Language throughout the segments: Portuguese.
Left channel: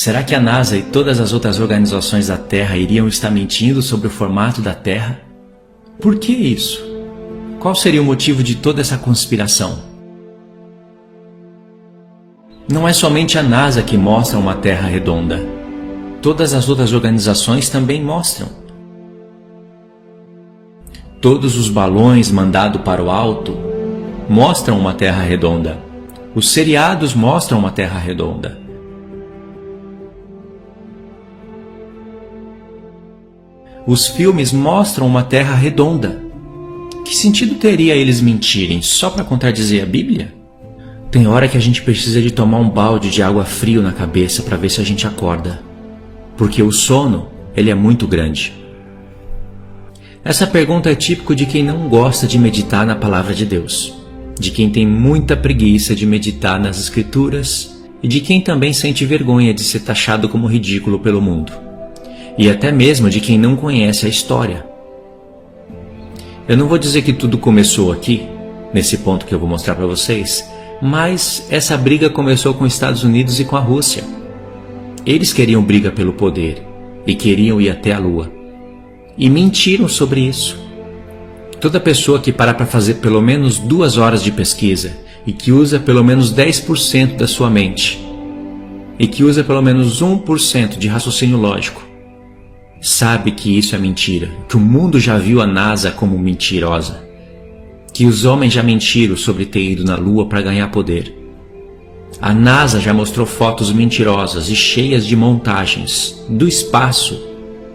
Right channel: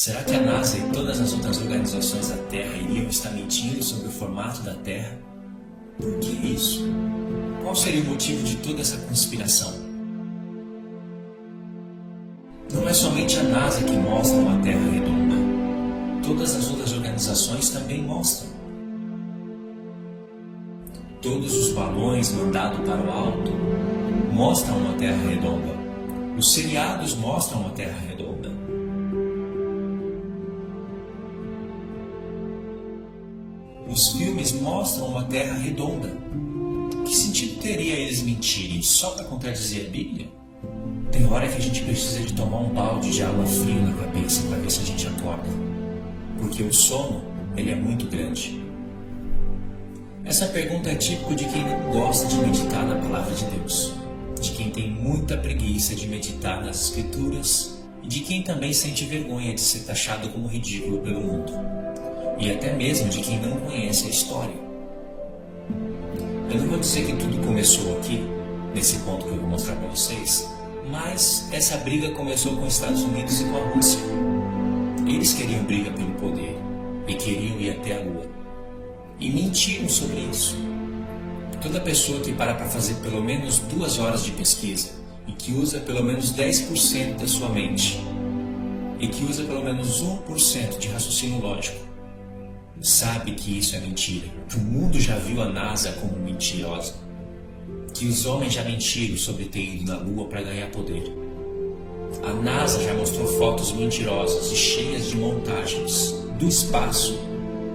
Será que a NASA e todas as outras organizações da Terra iriam estar mentindo sobre o formato da Terra? Por que isso? Qual seria o motivo de toda essa conspiração? Não é somente a NASA que mostra uma Terra redonda. Todas as outras organizações também mostram. Todos os balões mandados para o alto mostram uma Terra redonda. Os seriados mostram uma Terra redonda. Os filmes mostram uma Terra redonda. Que sentido teria eles mentirem só para contradizer a Bíblia? Tem hora que a gente precisa de tomar um balde de água frio na cabeça para ver se a gente acorda. Porque o sono, ele é muito grande. Essa pergunta é típico de quem não gosta de meditar na Palavra de Deus, de quem tem muita preguiça de meditar nas Escrituras e de quem também sente vergonha de ser taxado como ridículo pelo mundo, e até mesmo de quem não conhece a história. Eu não vou dizer que tudo começou aqui, nesse ponto que eu vou mostrar para vocês, mas essa briga começou com os Estados Unidos e com a Rússia. Eles queriam briga pelo poder e queriam ir até a Lua. E mentiram sobre isso. Toda pessoa que para fazer pelo menos 2 horas de pesquisa e que usa pelo menos 10% da sua mente e que usa pelo menos 1% de raciocínio lógico, sabe que isso é mentira, que o mundo já viu a NASA como mentirosa, que os homens já mentiram sobre ter ido na Lua para ganhar poder. A NASA já mostrou fotos mentirosas e cheias de montagens do espaço,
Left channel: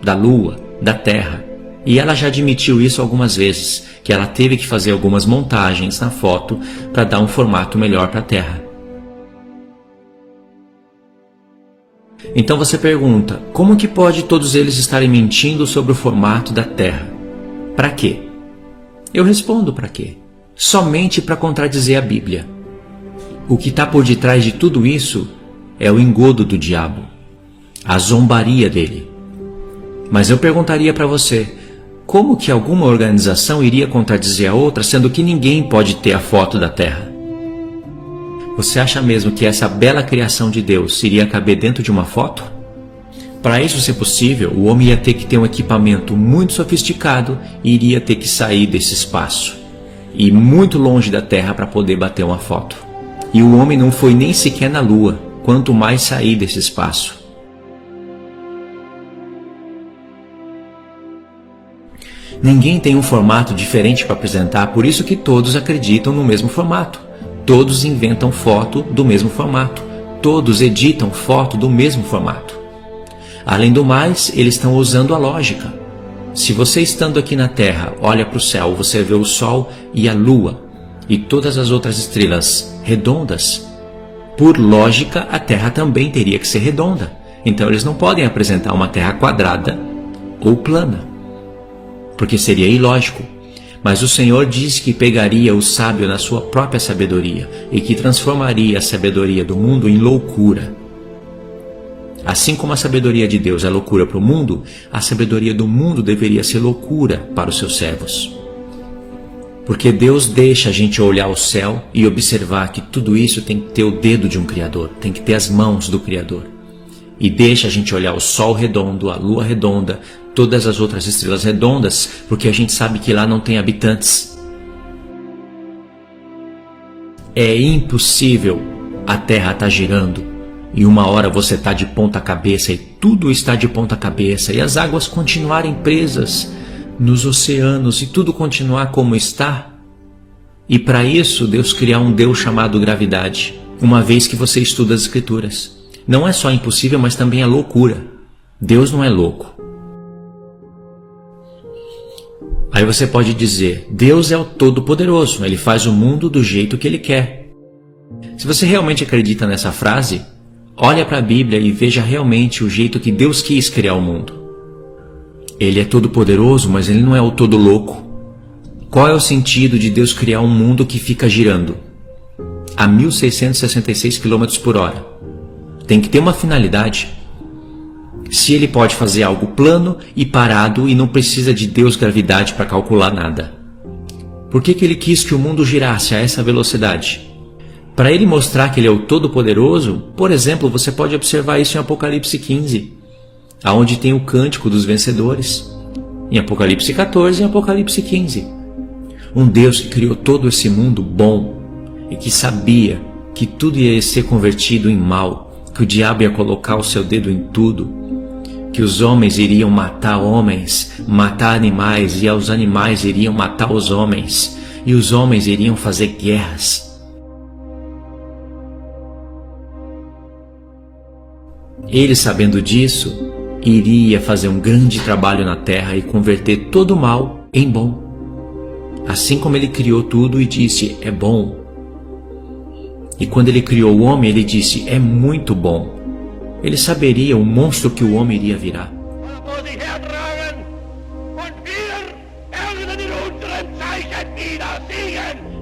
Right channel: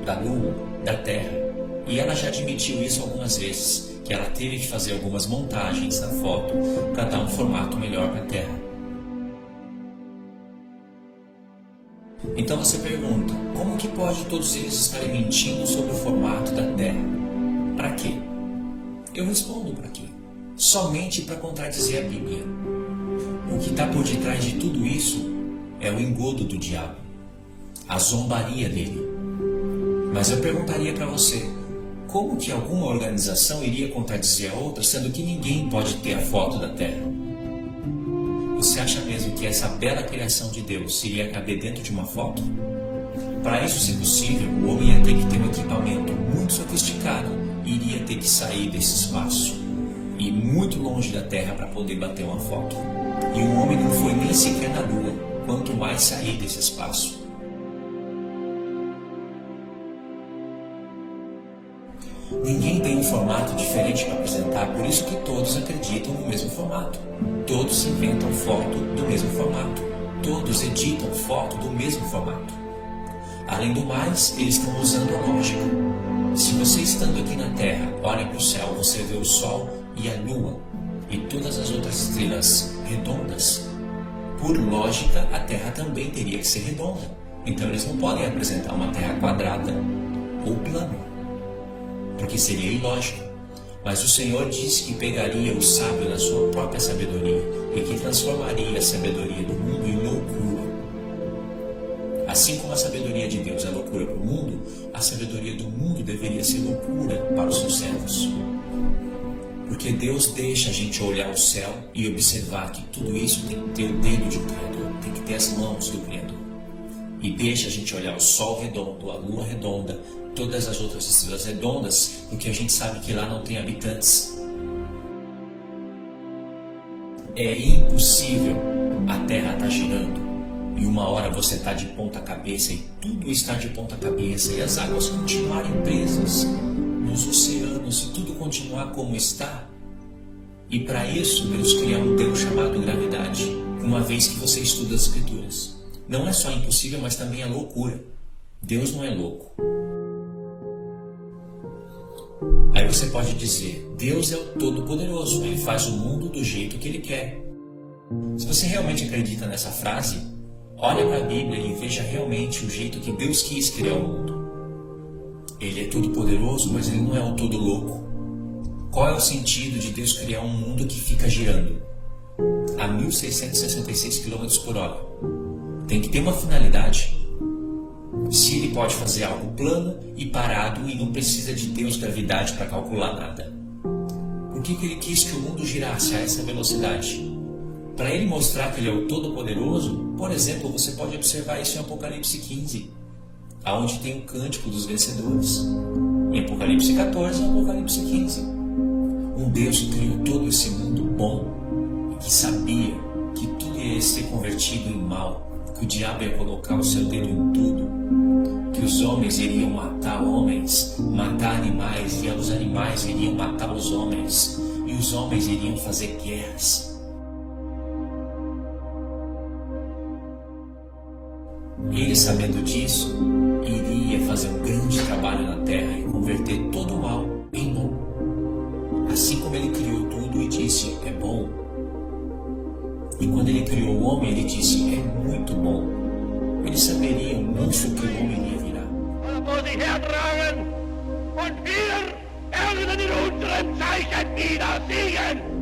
da Lua, da Terra, e ela já admitiu isso algumas vezes, que ela teve que fazer algumas montagens na foto para dar um formato melhor para a Terra. Então você pergunta, como que pode todos eles estarem mentindo sobre o formato da Terra? Para quê? Eu respondo para quê? Somente para contradizer a Bíblia. O que está por detrás de tudo isso é o engodo do diabo, a zombaria dele. Mas eu perguntaria para você, como que alguma organização iria contradizer a outra, sendo que ninguém pode ter a foto da Terra? Você acha mesmo que essa bela criação de Deus iria caber dentro de uma foto? Para isso ser possível, o homem ia ter que ter um equipamento muito sofisticado e iria ter que sair desse espaço e muito longe da Terra para poder bater uma foto. E o homem não foi nem sequer na Lua, quanto mais sair desse espaço. Ninguém tem um formato diferente para apresentar, por isso que todos acreditam no mesmo formato. Todos inventam foto do mesmo formato. Todos editam foto do mesmo formato. Além do mais, eles estão usando a lógica. Se você estando aqui na Terra olha para o céu, você vê o Sol e a Lua e todas as outras estrelas redondas, por lógica a Terra também teria que ser redonda. Então eles não podem apresentar uma Terra quadrada ou plana, porque seria ilógico. Mas o Senhor disse que pegaria o sábio na sua própria sabedoria e que transformaria a sabedoria do mundo em loucura. Assim como a sabedoria de Deus é loucura para o mundo, a sabedoria do mundo deveria ser loucura para os seus servos. Porque Deus deixa a gente olhar o céu e observar que tudo isso tem que ter o dedo de um Criador, tem que ter as mãos do Criador. E deixa a gente olhar o Sol redondo, a Lua redonda, todas as outras estrelas redondas, porque a gente sabe que lá não tem habitantes. É impossível a Terra estar girando e uma hora você está de ponta cabeça e tudo está de ponta cabeça e as águas continuarem presas nos oceanos e tudo continuar como está. E para isso Deus criar um Deus chamado gravidade, uma vez que você estuda as Escrituras. Não é só impossível, mas também é loucura. Deus não é louco. Aí você pode dizer, Deus é o Todo-Poderoso, Ele faz o mundo do jeito que Ele quer. Se você realmente acredita nessa frase, olha para a Bíblia e veja realmente o jeito que Deus quis criar o mundo. Ele é todo-poderoso, mas Ele não é o todo-louco. Qual é o sentido de Deus criar um mundo que fica girando a 1.666 km por hora? Tem que ter uma finalidade. Se Ele pode fazer algo plano e parado e não precisa de Deus gravidade para calcular nada, por que Ele quis que o mundo girasse a essa velocidade? Para ele mostrar que ele é o Todo-Poderoso, por exemplo, você pode observar isso em Apocalipse 15, aonde tem o cântico dos vencedores, em Apocalipse 14 e Apocalipse 15. Um Deus que criou todo esse mundo bom e que sabia que tudo ia ser convertido em mal, que o diabo ia colocar o seu dedo em tudo, que os homens iriam matar homens, matar animais, e os animais iriam matar os homens, e os homens iriam fazer guerras. Ele, sabendo disso, iria fazer um grande trabalho na terra e converter todo o mal em bom. Assim como ele criou tudo e disse, é bom. E quando ele criou o homem, ele disse, é muito bom. Ele saberia o monstro que o homem iria virar.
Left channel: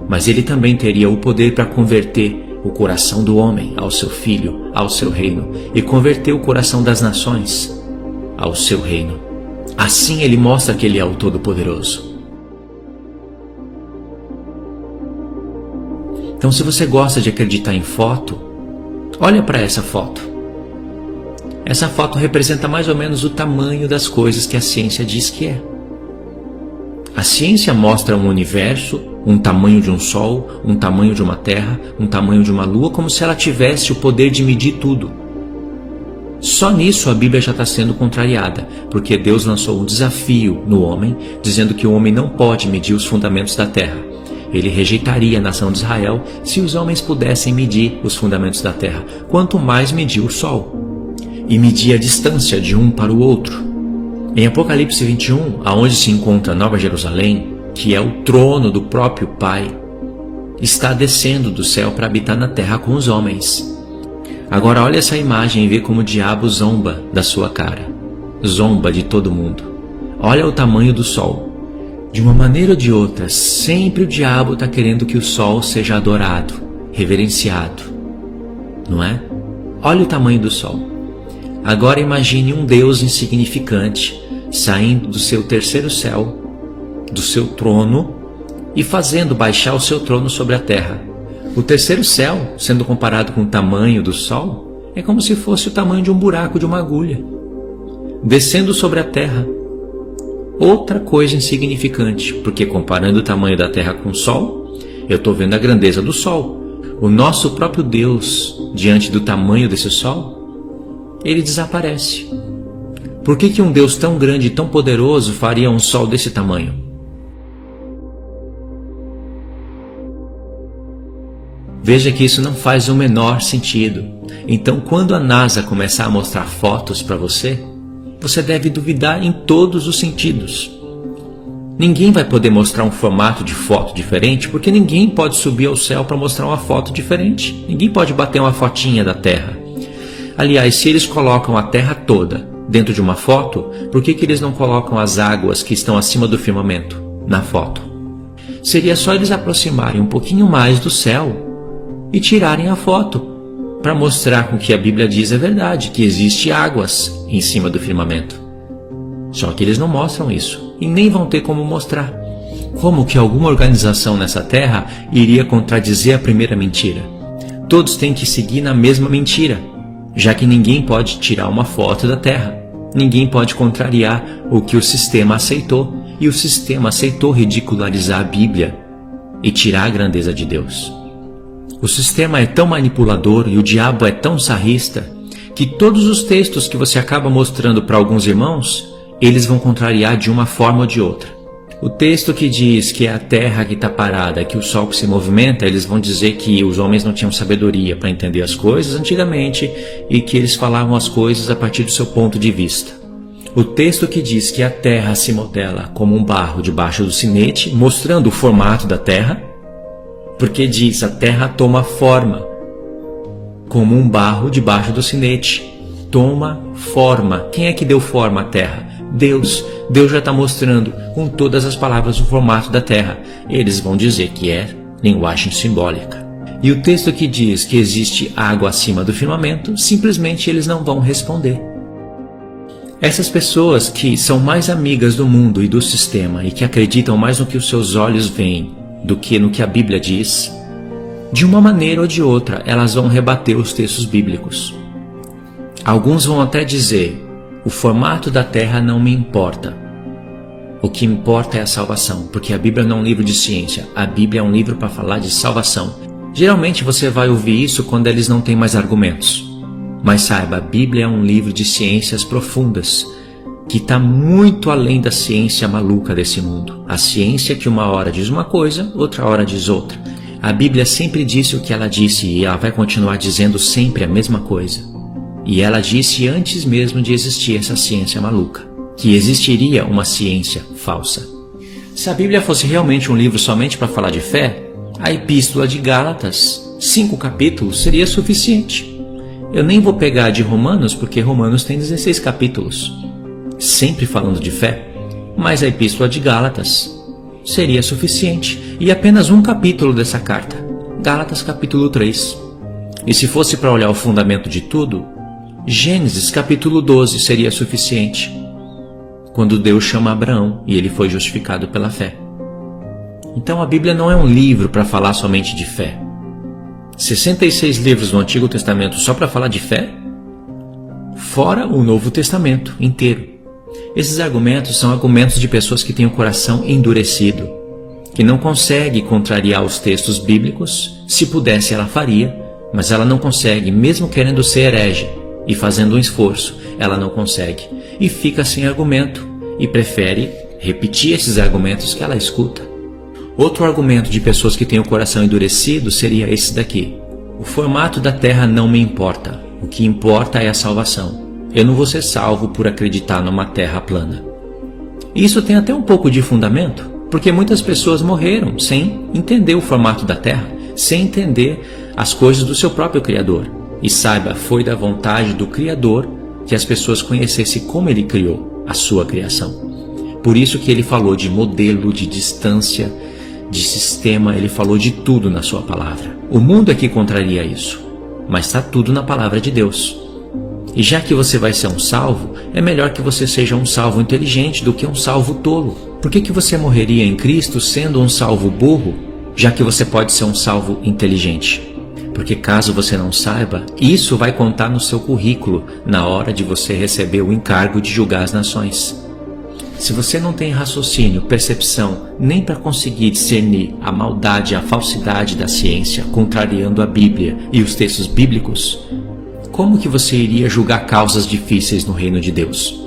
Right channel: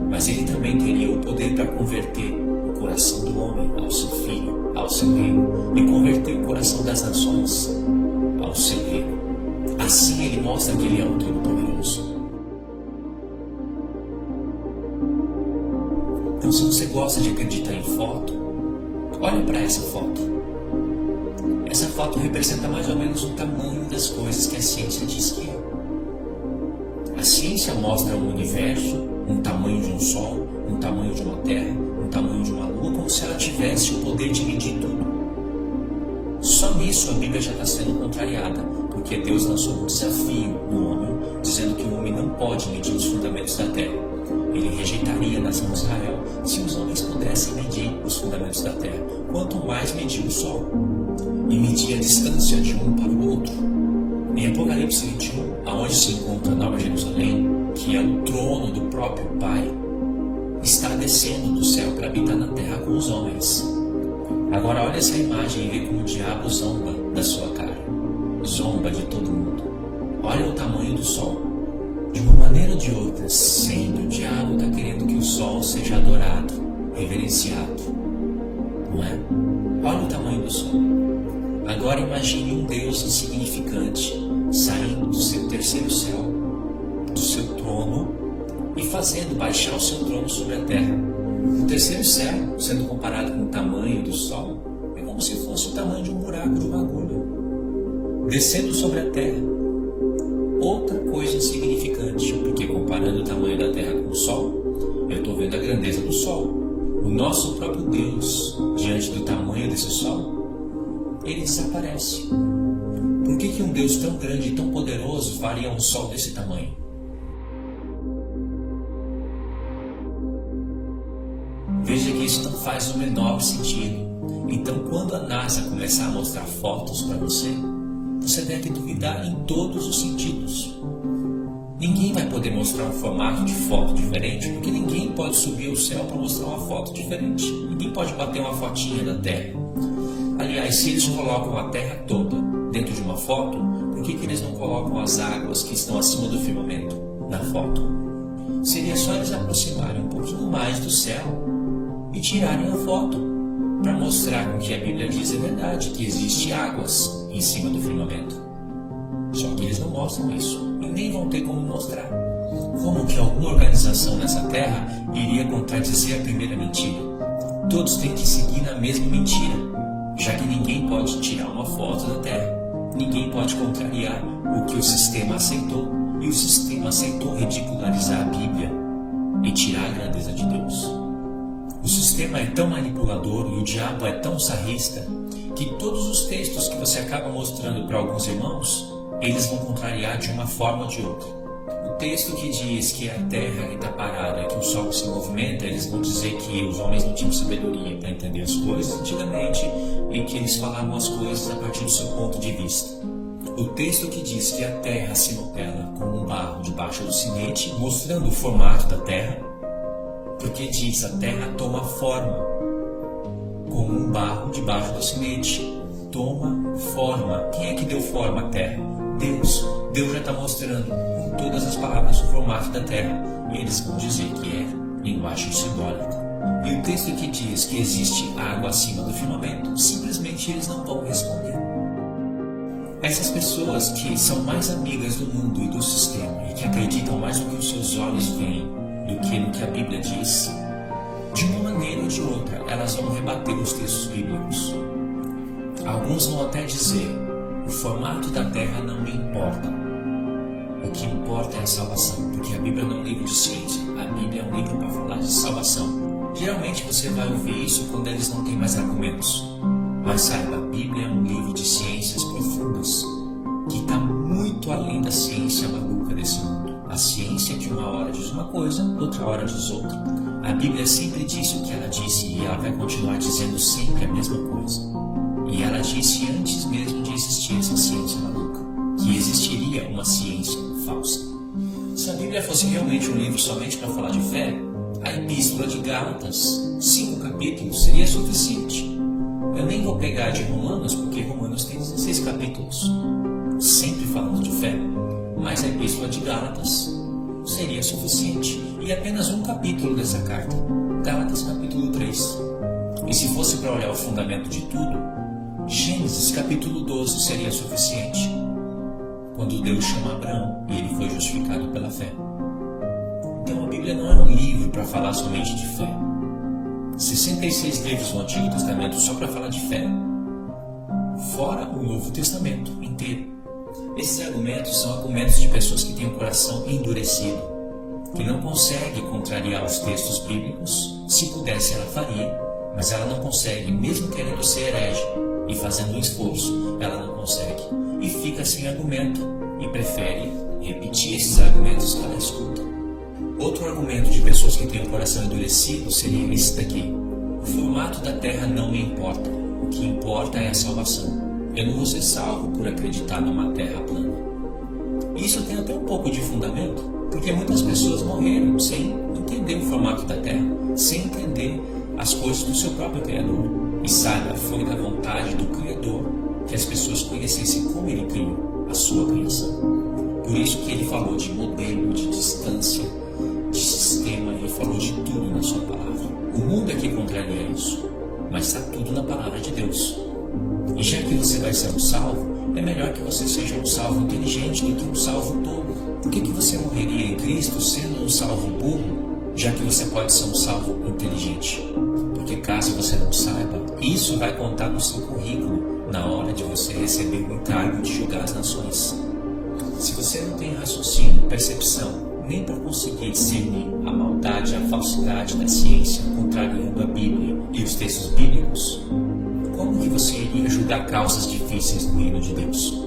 Mas ele também teria o poder para converter o coração do homem ao seu filho, ao seu reino, e converter o coração das nações ao seu reino. Assim ele mostra que ele é o Todo-Poderoso. Então, se você gosta de acreditar em foto, olha para essa foto. Essa foto representa mais ou menos o tamanho das coisas que a ciência diz que é. A ciência mostra um universo, um tamanho de um sol, um tamanho de uma terra, um tamanho de uma lua, como se ela tivesse o poder de medir tudo. Só nisso a Bíblia já está sendo contrariada, porque Deus lançou um desafio no homem, dizendo que o homem não pode medir os fundamentos da terra. Ele rejeitaria a nação de Israel se os homens pudessem medir os fundamentos da terra, quanto mais medir o sol, e medir a distância de um para o outro. Em Apocalipse 21, aonde se encontra Nova Jerusalém, que é o trono do próprio Pai, está descendo do céu para habitar na terra com os homens. Agora olha essa imagem e vê como o diabo zomba da sua cara. Zomba de todo mundo. Olha o tamanho do sol. De uma maneira ou de outra, sempre o diabo está querendo que o sol seja adorado, reverenciado. Não é? Olha o tamanho do sol. Agora imagine um Deus insignificante saindo do seu terceiro céu, do seu trono, e fazendo baixar o seu trono sobre a terra. O terceiro céu, sendo comparado com o tamanho do sol, é como se fosse o tamanho de um buraco de uma agulha. Descendo sobre a terra, outra coisa insignificante, porque comparando o tamanho da terra com o sol, eu estou vendo a grandeza do sol. O nosso próprio Deus, diante do tamanho desse sol, ele desaparece. Por que um Deus tão grande e tão poderoso faria um sol desse tamanho? Veja que isso não faz o menor sentido. Então, quando a NASA começar a mostrar fotos para você, você deve duvidar em todos os sentidos. Ninguém vai poder mostrar um formato de foto diferente, porque ninguém pode subir ao céu para mostrar uma foto diferente. Ninguém pode bater uma fotinha da Terra. Aliás, se eles colocam a Terra toda dentro de uma foto, por que eles não colocam as águas que estão acima do firmamento na foto? Seria só eles aproximarem um pouquinho mais do céu e tirarem a foto, para mostrar com que a Bíblia diz é verdade, que existe águas em cima do firmamento. Só que eles não mostram isso, e nem vão ter como mostrar. Como que alguma organização nessa terra iria contradizer a primeira mentira? Todos têm que seguir na mesma mentira, já que ninguém pode tirar uma foto da terra. Ninguém pode contrariar o que o sistema aceitou, e o sistema aceitou ridicularizar a Bíblia e tirar a grandeza de Deus. O sistema é tão manipulador e o diabo é tão sarrista que todos os textos que você acaba mostrando para alguns irmãos, eles vão contrariar de uma forma ou de outra. O texto que diz que é a terra que está parada, que o sol que se movimenta, eles vão dizer que os homens não tinham sabedoria para entender as coisas antigamente e que eles falavam as coisas a partir do seu ponto de vista. O texto que diz que a terra se modela como um barro debaixo do sinete, mostrando o formato da terra, porque diz a terra toma forma, como um barro debaixo do sinete. Toma forma. Quem é que deu forma à terra? Deus. Deus já está mostrando com todas as palavras o formato da terra. Eles vão dizer que é linguagem simbólica. E o texto que diz que existe água acima do firmamento, simplesmente eles não vão responder. Essas pessoas que são mais amigas do mundo e do sistema e que acreditam mais no que os seus olhos veem do que no que a Bíblia diz, De uma maneira ou de outra, elas vão rebater os textos bíblicos. Alguns vão até dizer: o formato da terra não me importa. O que importa é a salvação, porque a Bíblia não é um livro de ciência, a Bíblia é um livro para falar de salvação. Geralmente você vai ouvir isso quando eles não têm mais argumentos. Mas saiba, a Bíblia é um livro de ciências profundas, que está muito além da ciência maluca desse mundo. A ciência que uma hora diz uma coisa, outra hora diz outra. A Bíblia sempre disse o que ela disse e ela vai continuar dizendo sempre a mesma coisa. E ela disse antes mesmo de existir essa ciência maluca, que existiria uma ciência falsa. Se a Bíblia fosse realmente um livro somente para falar de fé, a Epístola de Gálatas, 5 capítulos, seria suficiente. Eu nem vou pegar de Romanos, porque Romanos tem 16 capítulos, sempre falando de fé, mas a Epístola de Gálatas seria suficiente, e apenas um capítulo dessa carta, Gálatas capítulo 3. E se fosse para olhar o fundamento de tudo, Gênesis capítulo 12 seria suficiente, quando Deus chama Abraão e ele foi justificado pela fé. Então a Bíblia não é um livro para falar somente de fé. 66 livros no Antigo Testamento só para falar de fé? Fora o Novo Testamento inteiro. Esses argumentos são argumentos de pessoas que têm o coração endurecido, que não consegue contrariar os textos bíblicos. Se pudesse ela faria, mas ela não consegue, mesmo querendo ser herege e fazendo um esforço, ela não consegue e fica sem argumento e prefere repetir esses argumentos que ela escuta. Outro argumento de pessoas que têm o coração endurecido seria esse daqui: o formato da terra não me importa, o que importa é a salvação. Eu não vou ser salvo por acreditar numa terra plana. Isso tem até um pouco de fundamento, porque muitas pessoas morreram sem entender o formato da terra, sem entender as coisas do seu próprio Criador. E saiba, foi da vontade do Criador que as pessoas conhecessem como Ele criou a sua criação. Por isso que Ele falou de modelo, de distância, de sistema, Ele falou de tudo na sua palavra. O mundo é que contraria isso, mas está tudo na palavra de Deus. E já que você vai ser um salvo, é melhor que você seja um salvo inteligente do que um salvo tolo. Por que você morreria em Cristo sendo um salvo burro, já que você pode ser um salvo inteligente? Porque caso você não saiba, isso vai contar no seu currículo na hora de você receber o encargo de julgar as nações. Se você não tem raciocínio, percepção, nem para conseguir discernir a maldade e a falsidade da ciência, contrariando a Bíblia e os textos bíblicos, como que você iria julgar causas difíceis no reino de Deus?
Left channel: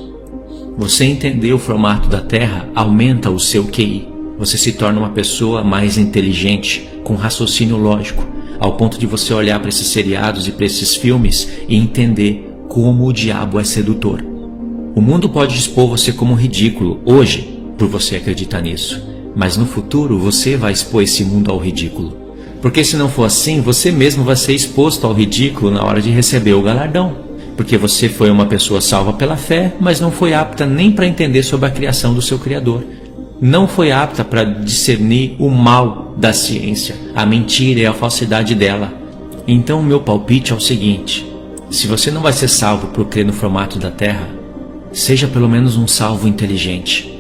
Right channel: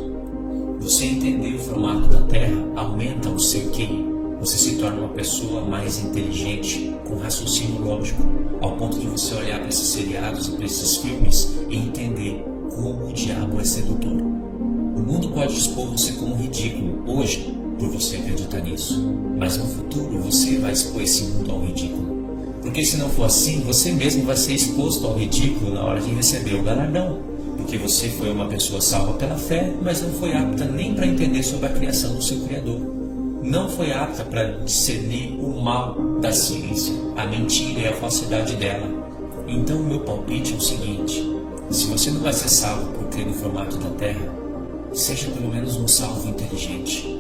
Você entender o formato da terra aumenta o seu QI. Você se torna uma pessoa mais inteligente, com raciocínio lógico, ao ponto de você olhar para esses seriados e para esses filmes e entender como o diabo é sedutor. O mundo pode expor você como ridículo hoje, por você acreditar nisso, mas no futuro você vai expor esse mundo ao ridículo. Porque se não for assim, você mesmo vai ser exposto ao ridículo na hora de receber o galardão. Porque você foi uma pessoa salva pela fé, mas não foi apta nem para entender sobre a criação do seu Criador. Não foi apta para discernir o mal da ciência, a mentira e a falsidade dela. Então o meu palpite é o seguinte: se você não vai ser salvo por crer no formato da terra, seja pelo menos um salvo inteligente.